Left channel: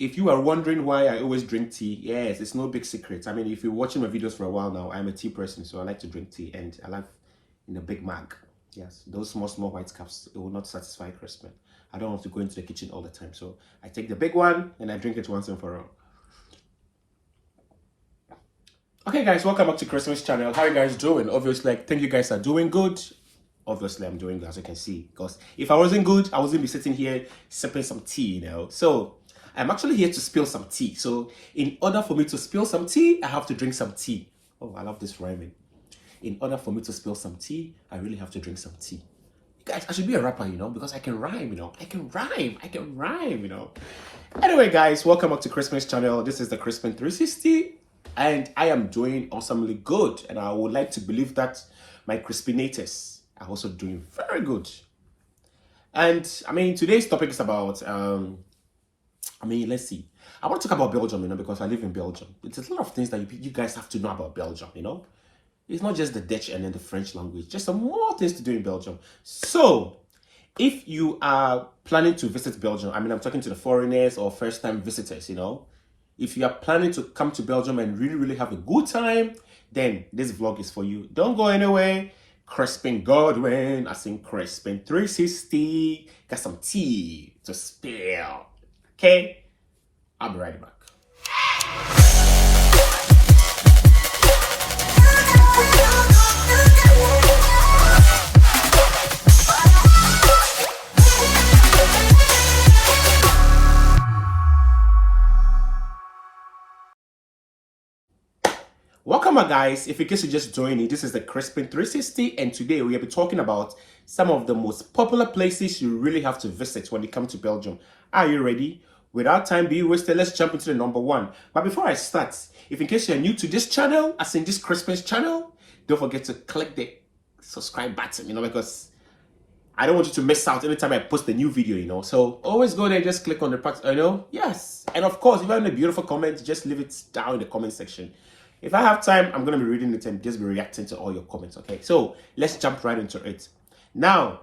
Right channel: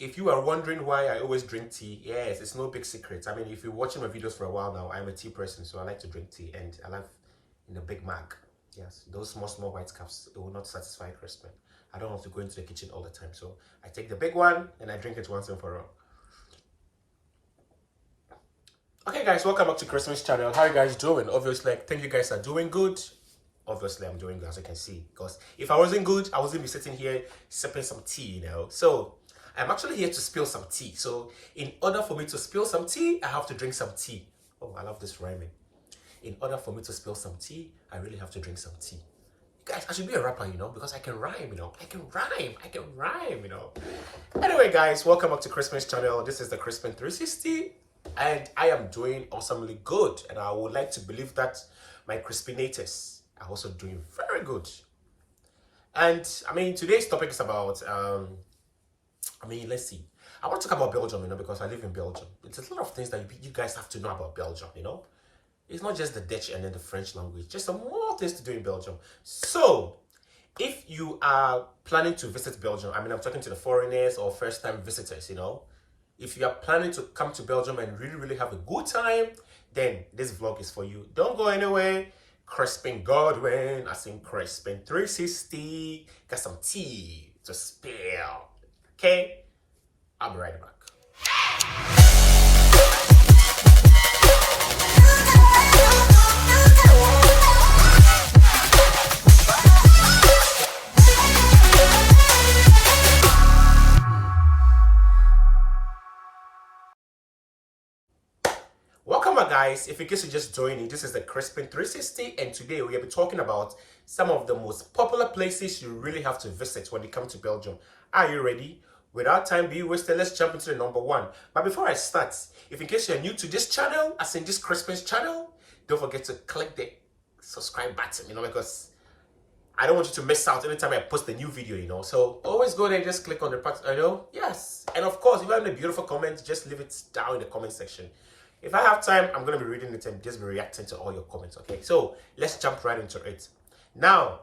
If you are wondering why I always drink tea, yes, it's no big secret. I mean, if you're watching my videos for a while now, I'm a tea person, so I like to drink tea, and I like in a big mug. Yes, those small white cups, it will not satisfy Crispin. I don't have to go into the kitchen all the time, so I take the big one and I drink it once and for all. Okay, guys, welcome back to Christmas channel. How are you guys doing? Obviously, I think you guys are doing good. Obviously, I'm doing good, as you can see, because if I wasn't good, I wasn't be sitting here sipping some tea, So I'm actually here to spill some tea. So in order for me to spill some tea, I have to drink some tea. Oh, I love this rhyming. In order for me to spill some tea, I really have to drink some tea. Guys, I should be a rapper, because I can rhyme, I can rhyme. Anyway, guys, welcome back to Christmas channel. This is the Crispin 360, and I am doing awesomely good. And I would like to believe that my Crispinators are also doing very good. And I mean, today's topic is about, let's see. I want to talk about Belgium, because I live in Belgium. It's a lot of things that you guys have to know about Belgium, It's not just the Dutch and then the French language, just some more things to do in Belgium. So, if you are planning to visit Belgium, I'm talking to the foreigners or first-time visitors, If you are planning to come to Belgium and really have a good time, then this vlog is for you. Don't go anywhere. Crispin Godwin, I sing Crispin 360. Got some tea to spill. Okay? I'll be right back. Welcome back, guys. If in case you just joined me, this is the Crispin 360, and today we'll be talking about some of the most popular places you really have to visit when you come to Belgium. Are you ready? Without time being wasted, let's jump into the number one. But before I start, if in case you're new to this channel, as in this Crispin's channel, don't forget to click the subscribe button, because I don't want you to miss out anytime I post a new video, So always go there, just click on the part, Yes. And of course, if you have any beautiful comments, just leave it down in the comment section. If I have time, I'm going to be reading it and just be reacting to all your comments, okay? So let's jump right into it. Now,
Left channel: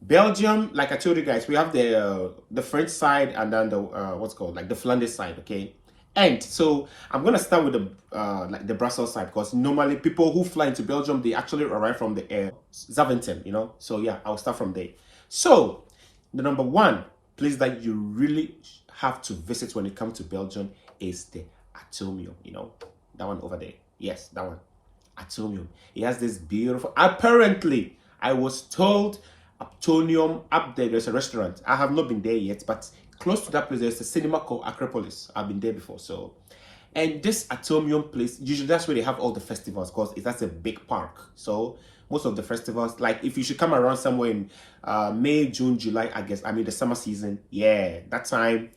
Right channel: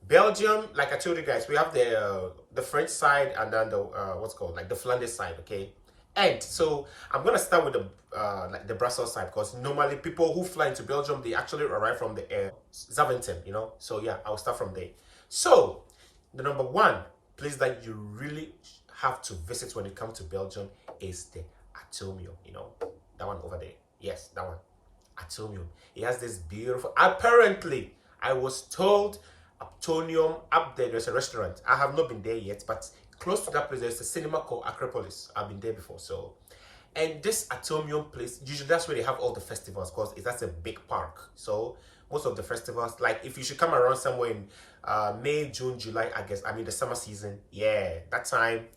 Belgium, like I told you guys, we have the French side and then the the Flanders side, okay? And so I'm going to start with the Brussels side, because normally people who fly into Belgium, they actually arrive from the Zaventem, So yeah, I'll start from there. So the number one place that you really have to visit when you come to Belgium is the Atomium, That one over there. Yes, that one. Atomium. It has this beautiful... Apparently, I was told Atomium up there, there's a restaurant. I have not been there yet, but close to that place, there's a cinema called Acropolis. I've been there before, so... And this Atomium place, usually that's where they have all the festivals, because that's a big park. So most of the festivals, like if you should come around somewhere in May, June, July, August, the summer season, yeah, that time,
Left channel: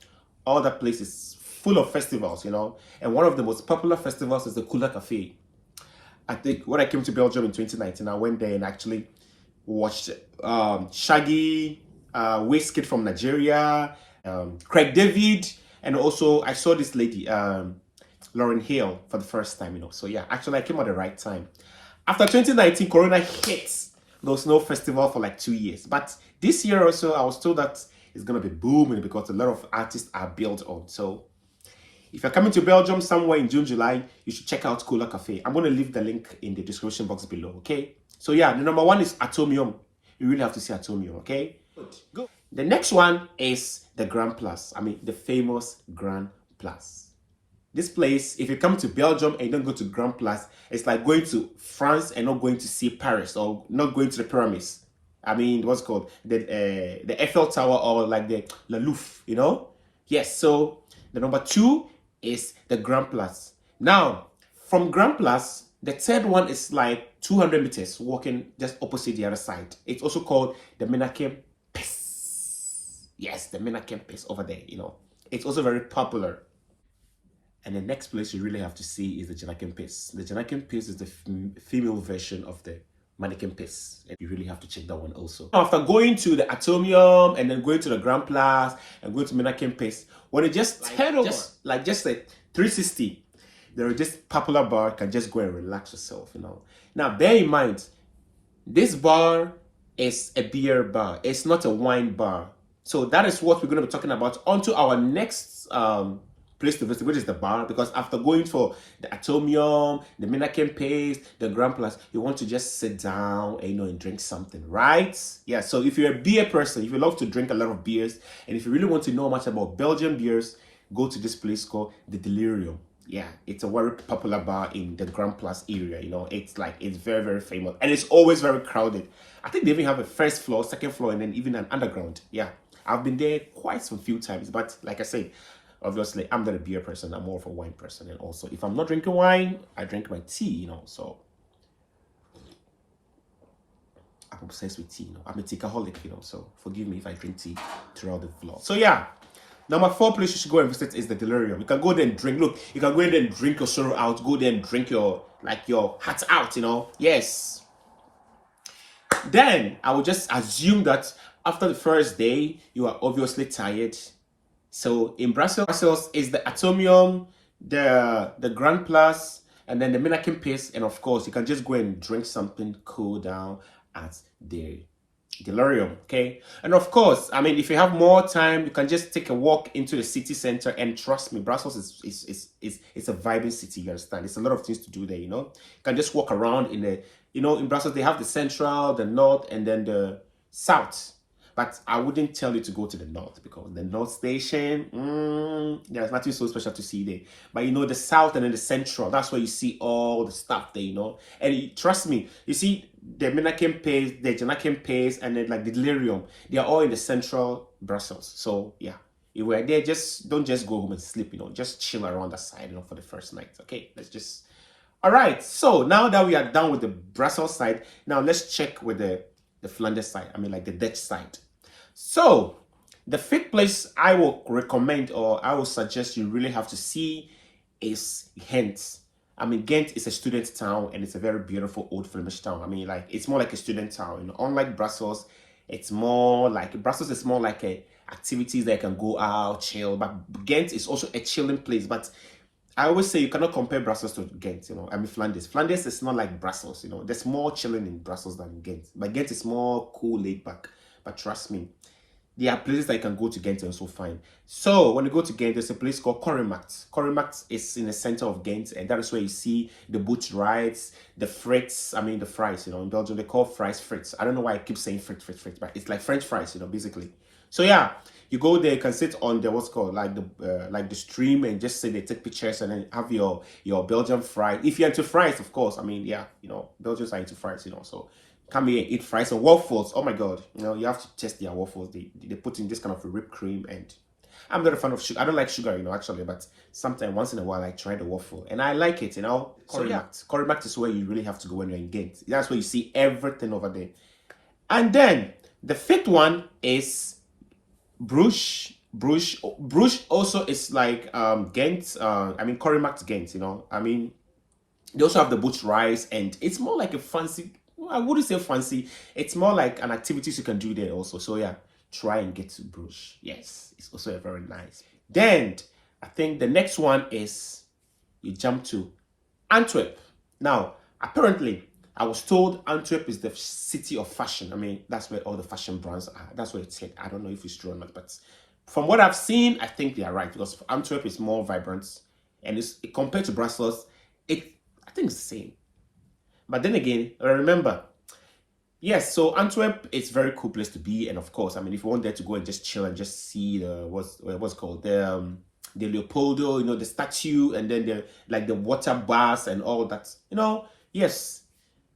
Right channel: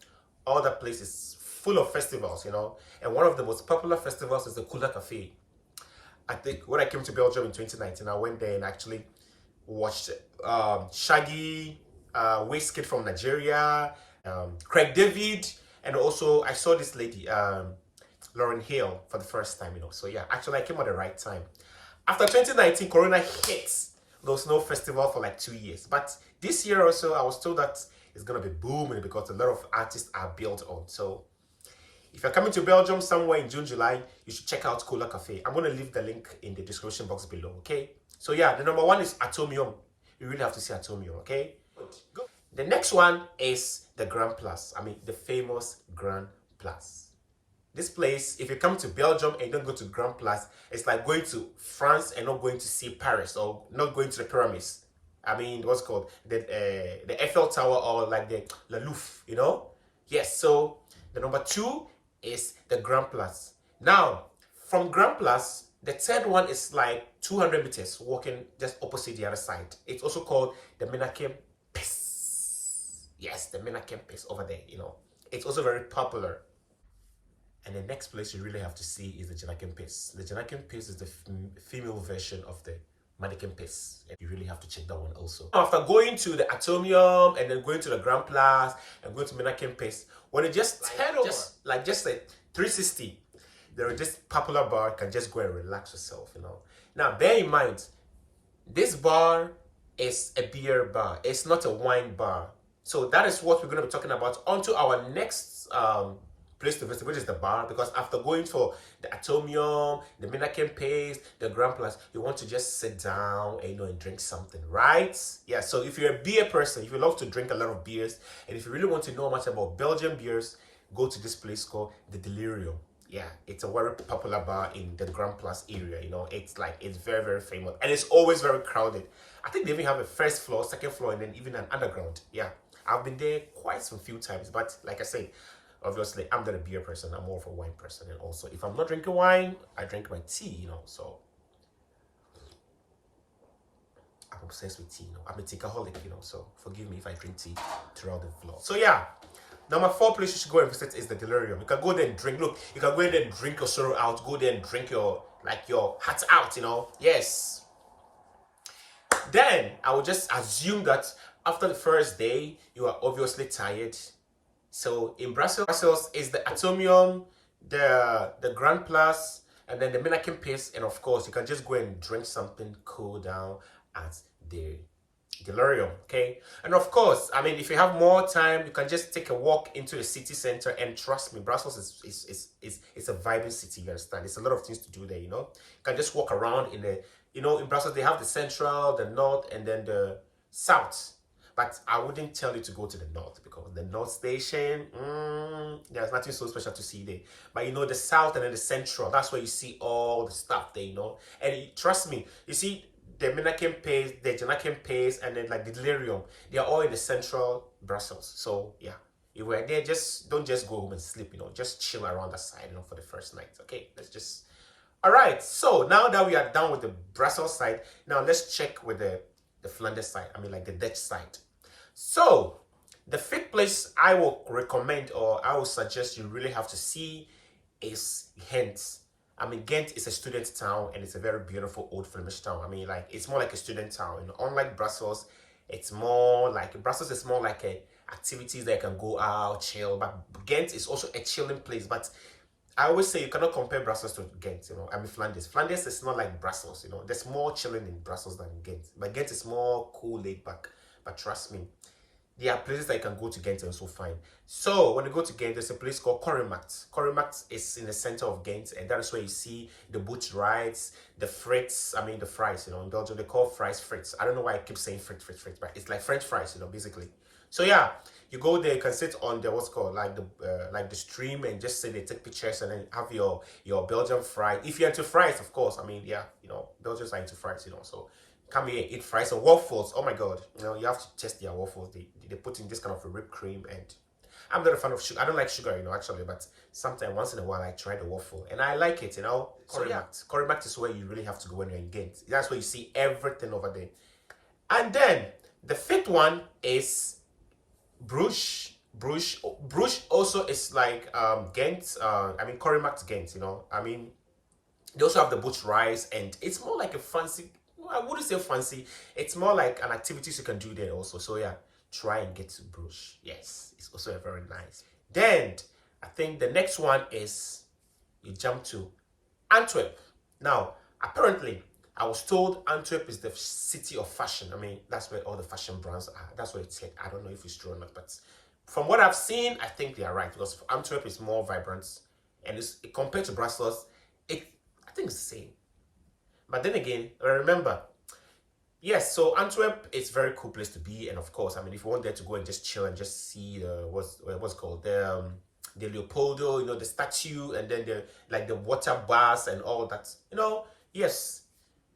all that place is full of festivals, And one of the most popular festivals is the Kula Cafe. I think when I came to Belgium in 2019, I went there and actually watched Shaggy, Wizkid from Nigeria, Craig David, and also I saw this lady, Lauren Hill, for the first time, So yeah, actually I came at the right time. After 2019, Corona hit. There was no festival for like 2 years. But this year also, I was told that it's going to be booming because a lot of artists are built on. So if you're coming to Belgium somewhere in June, July, you should check out Cola Cafe. I'm going to leave the link in the description box below, okay? So yeah, the number one is Atomium. You really have to see Atomium, okay? Good. The next one is the Grand Place. The famous Grand Place. This place, if you come to Belgium and you don't go to Grand Place, it's like going to France and not going to see Paris, or not going to the pyramids. What's called? The Eiffel Tower, or like the La Louvre, Yes, so the number two is the Grand Place. Now, from Grand Place, the third one is like 200 meters walking just opposite the other side. It's also called the Menachem Pis. Yes, the Menachem Pis over there, It's also very popular. And the next place you really have to see is the Janakem Pis. The Janakem Pis is the female version of the mannequin Pis. And you really have to check that one also. After going to the Atomium and then going to the Grand Place and going to Menachem Pis, when you just head over, just a 360, there is this popular bar. You can just go and relax yourself, Now, bear in mind, this bar is a beer bar. It's not a wine bar. So that is what we're going to be talking about. On to our next place to visit, which is the bar. Because after going for the Atomium, the Minakin Paste, the Grand Plus, you want to just sit down and, and drink something, right? Yeah, so if you're a beer person, if you love to drink a lot of beers, and if you really want to know much about Belgian beers, go to this place called the Delirium. Yeah, it's a very popular bar in the Grand Place area. It's very, very famous, and it's always very crowded. I think they even have a first floor, second floor, and then even an underground. Yeah, I've been there quite some few times, but like I said, obviously I'm not a beer person. I'm more of a wine person, and also if I'm not drinking wine, I drink my tea. So I'm obsessed with tea. I'm a teaaholic. So forgive me if I drink tea throughout the vlog. So yeah. Number 4 place you should go and visit is the Delirium. You can go there and drink. Look, you can go in there and drink your sorrow out. Go there and drink your heart out, Yes. Then, I would just assume that after the first day, you are obviously tired. So, in Brussels is the Atomium, the Grand Place, and then the Minakin Pace. And of course, you can just go and drink something, cool down at the Delirium, okay? And of course, I mean, if you have more time, you can just take a walk into the city center, and trust me, Brussels is a vibrant city, you understand? There's a lot of things to do there, You can just walk around in the, in Brussels, they have the central, the north, and then the south. But I wouldn't tell you to go to the north, because the north station, there's nothing so special to see there. But the south and then the central, that's where you see all the stuff there, And trust me, you see, the Minakin Pace, the Janakin Pace, and then like the Delirium, they are all in the central Brussels. So yeah, if we're there, don't just go home and sleep, just chill around the side, for the first night. Okay, all right. So now that we are done with the Brussels side, now let's check with the Flanders side. I mean, like the Dutch side. So the 5th place I will recommend, or I will suggest you really have to see, is Ghent. I mean, Ghent is a student town, and it's a very beautiful old Flemish town. I mean, it's more like a student town. Unlike Brussels, Brussels is more like activities that you can go out, chill. But Ghent is also a chilling place. But I always say you cannot compare Brussels to Ghent. I mean, Flanders. Flanders is not like Brussels. There's more chilling in Brussels than in Ghent. But Ghent is more cool, laid back. But trust me, there are places that you can go to Ghent and also find. So when you go to Ghent, there's a place called Corrimacht. Corrimacht is in the center of Ghent, and that is where you see the boat rides, the frites. I mean, the fries. In Belgium they call fries frites. I don't know why I keep saying frites, but it's like French fries. Basically. So yeah, you go there, you can sit on the what's called like the stream, and just sit there, take pictures, and then have your Belgian fry. If you're into fries, of course. I mean, yeah, Belgians are into fries. So come here and eat fries and waffles. Oh my god, you have to test their waffles. They put in this kind of a whipped cream, and I'm not a fan of sugar. I don't like sugar, actually, but sometimes once in a while I try the waffle and I like it. Corrimacht is where you really have to go when you're in Ghent. That's where you see everything over there. And then the 5th one is Bruges. Bruges also is like Ghent. I mean, Corrimacht Ghent. I mean, they also have the boat rides, and it's more like a fancy. I wouldn't say fancy. It's more like an activities you can do there also. So yeah, try and get to Bruges. Yes, it's also a very nice. Then I think the next one is you jump to Antwerp. Now, apparently, I was told Antwerp is the city of fashion. I mean, that's where all the fashion brands are. That's what it said. I don't know if it's true or not, but from what I've seen, I think they are right, because Antwerp is more vibrant, and compared to Brussels, I think it's the same. But then again, remember, yes, so Antwerp is a very cool place to be. And of course, I mean, if you want there to go and just chill and just see what's called the Leopoldo, the statue, and then the water baths and all that, yes.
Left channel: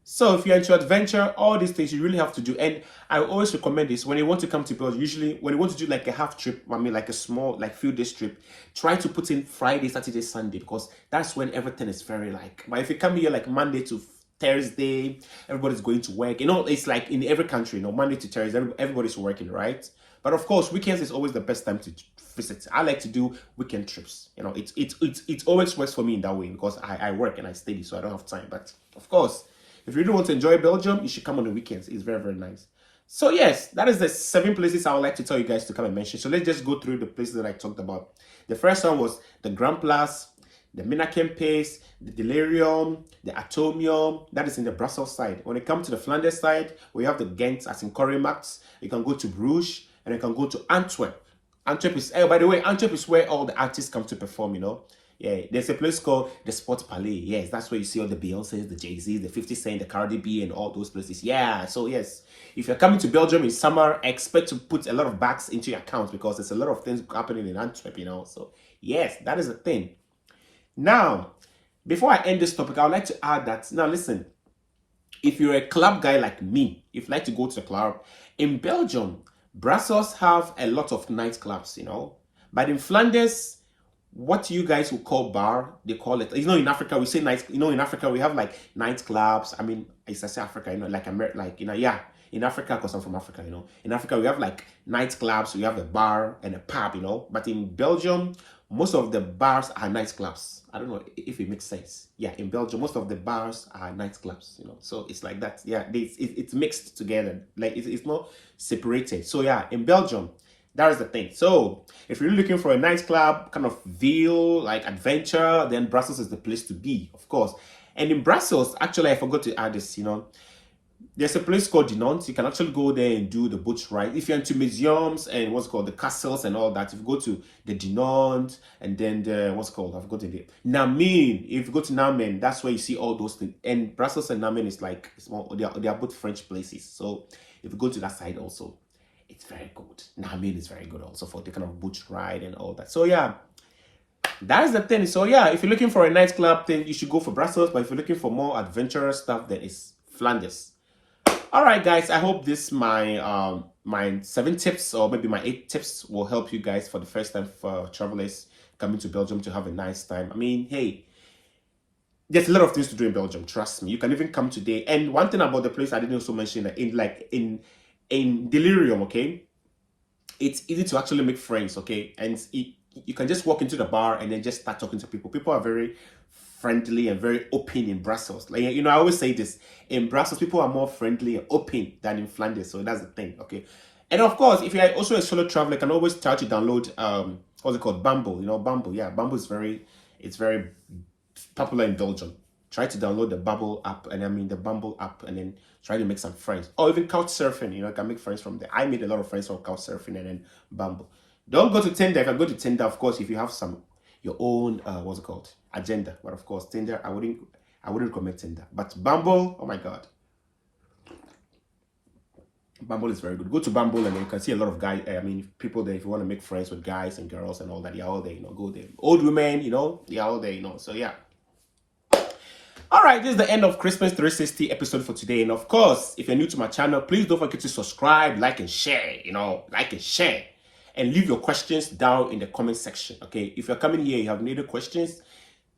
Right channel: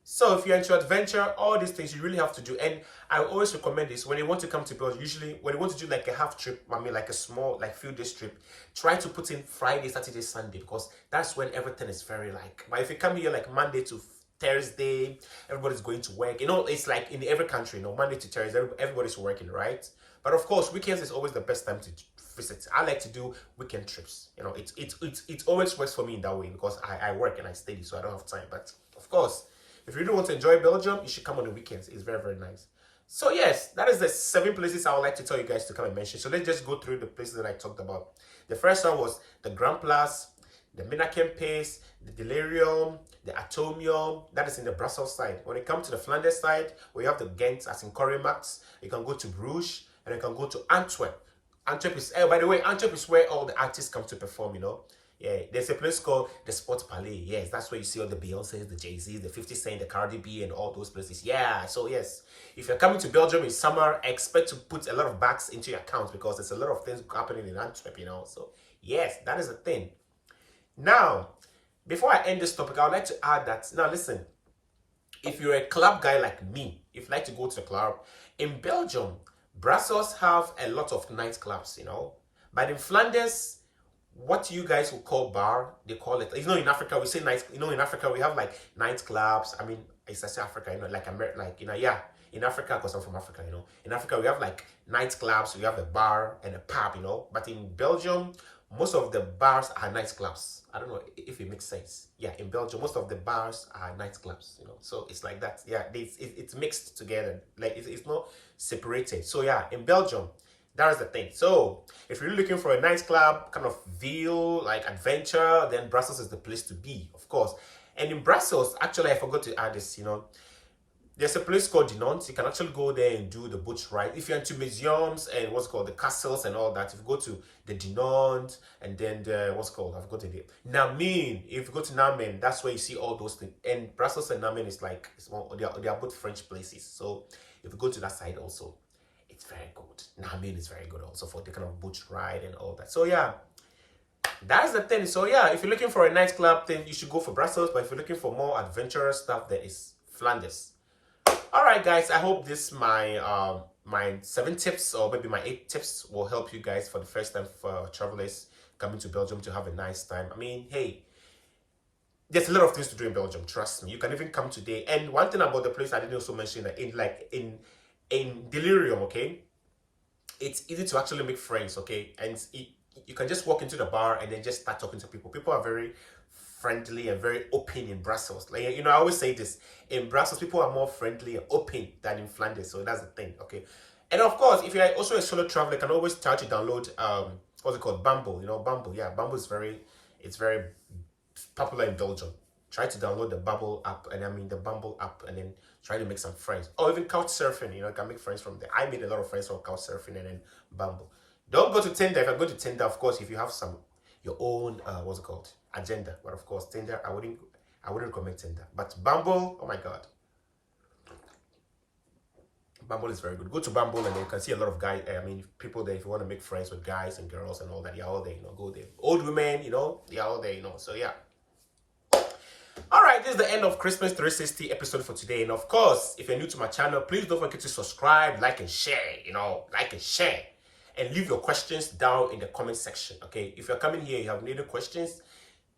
So if you're into adventure, all these things you really have to do. And I always recommend this when you want to come to Belgium. Usually when you want to do like a half trip, I mean like a small, like few days trip, try to put in Friday, Saturday, Sunday, because that's when everything is very but if you come here like Monday to Thursday, everybody's going to work. It's like in every country, Monday to Thursday, everybody's working, right? But of course, weekends is always the best time to visit. I like to do weekend trips. It always works for me in that way, because I work and I study, so I don't have time. But of course, if you really want to enjoy Belgium, you should come on the weekends. It's very, very nice. So yes, that is the 7 places I would like to tell you guys to come and mention. So let's just go through the places that I talked about. The first one was the Grand Place, the Minakin Pace, the Delirium, the Atomium. That is in the Brussels side. When it comes to the Flanders side, we have the Ghent, as in Corrimacht. You can go to Bruges, and I can go to Antwerp. Antwerp is, by the way, Antwerp is where all the artists come to perform, you know. Yeah, there's a place called the Sports Palais. Yes, that's where you see all the Beyoncés, the Jay-Z's, the 50 Cent, the Cardi B, and all those places. Yeah, so yes, if you're coming to Belgium in summer, expect to put a lot of bags into your account because there's a lot of things happening in Antwerp, you know. So yes, that is a thing. Now, before I end this topic, I would like to add that, now listen, if you're a club guy like me, if you like to go to the club, in Belgium, Brussels have a lot of nightclubs, you know. But in Flanders, what you guys will call bar, they call it, you know, in Africa, we say night, you know, in Africa, we have like nightclubs. I mean, it's I say Africa, you know, like America, like, you know, yeah, in Africa, because I'm from Africa, you know, in Africa, we have like nightclubs, we have a bar and a pub, you know, but in Belgium, most of the bars are nightclubs. I don't know if it makes sense. Yeah, in Belgium, most of the bars are nightclubs, you know, so it's like that. Yeah, it's mixed together, like it's not separated. So yeah, in Belgium, that is the thing. So if you're looking for a nightclub kind of feel, like adventure, then Brussels is the place to be, of course. And in Brussels, actually, I forgot to add this, you know, there's a place called Dinant. You can actually go there and do the boat ride. If you're into museums and what's called the castles and all that, if you go to the Dinant and then the, what's called, I've forgotten it, Namen. If you go to Namen, that's where you see all those things. And Brussels and Namen is like, they are both French places. So if you go to that side also, it's very good. Namen is very good also for the kind of boat ride and all that. So yeah, that is the thing. So yeah, if you're looking for a nightclub thing, you should go for Brussels. But if you're looking for more adventurous stuff, then it's Flanders. All right, guys, I hope this my 7 tips or maybe my 8 tips will help you guys for the first time for travelers coming to Belgium to have a nice time. I mean, hey, there's a lot of things to do in Belgium, trust me. You can even come today. And one thing about the place I didn't also mention, that in Delirium, okay, it's easy to actually make friends, okay? And you can just walk into the bar and then just start talking to people. People are very friendly and very open in Brussels. Like, you know, I always say this, in Brussels, people are more friendly and open than in Flanders. So that's the thing, okay? And of course, if you're also a solo traveler, you can always try to download, what's it called? Bumble, you know, Bumble. Yeah, Bumble is very popular in Belgium. Try to download the Bumble app, and then try to make some friends. Or even couch surfing, you know, you can make friends from there. I made a lot of friends from couch surfing and then Bumble. Don't go to Tinder. If I go to Tinder, of course, if you have your own what's it called, agenda. But of course, Tinder, I wouldn't recommend Tinder. But Bumble, oh my god, Bumble is very good. Go to Bumble and then you can see a lot of guys. I mean, people there. If you want to make friends with guys and girls and all that, they're all there. You know, go there. Old women, you know, they're all there. You know, so yeah. All right, this is the end of Christmas 360 episode for today. And of course, if you're new to my channel, please don't forget to subscribe, like, and share. You know, like and share. And leave your questions down in the comment section, okay? If you're coming here, you have any questions,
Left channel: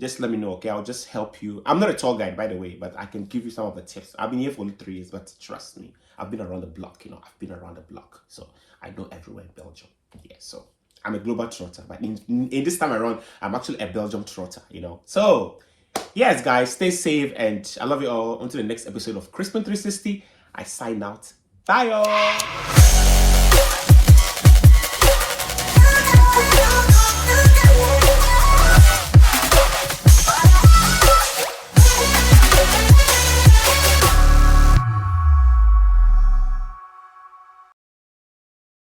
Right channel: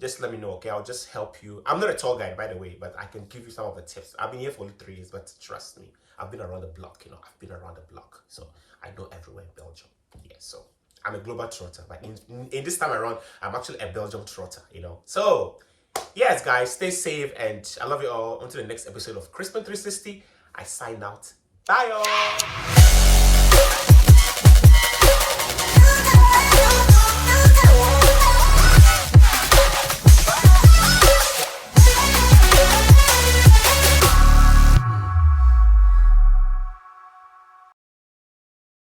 just let me know, okay? I'll just help you. I'm not a tour guide, by the way, but I can give you some of the tips. I've been here for only 3 years, but trust me, I've been around the block, you know? I've been around the block, so I know everywhere in Belgium. Yeah, so I'm a global trotter, but in this time around, I'm actually a Belgium trotter, you know? So, yes, guys, stay safe, and I love you all. Until the next episode of Crispin 360, I sign out. Bye, y'all!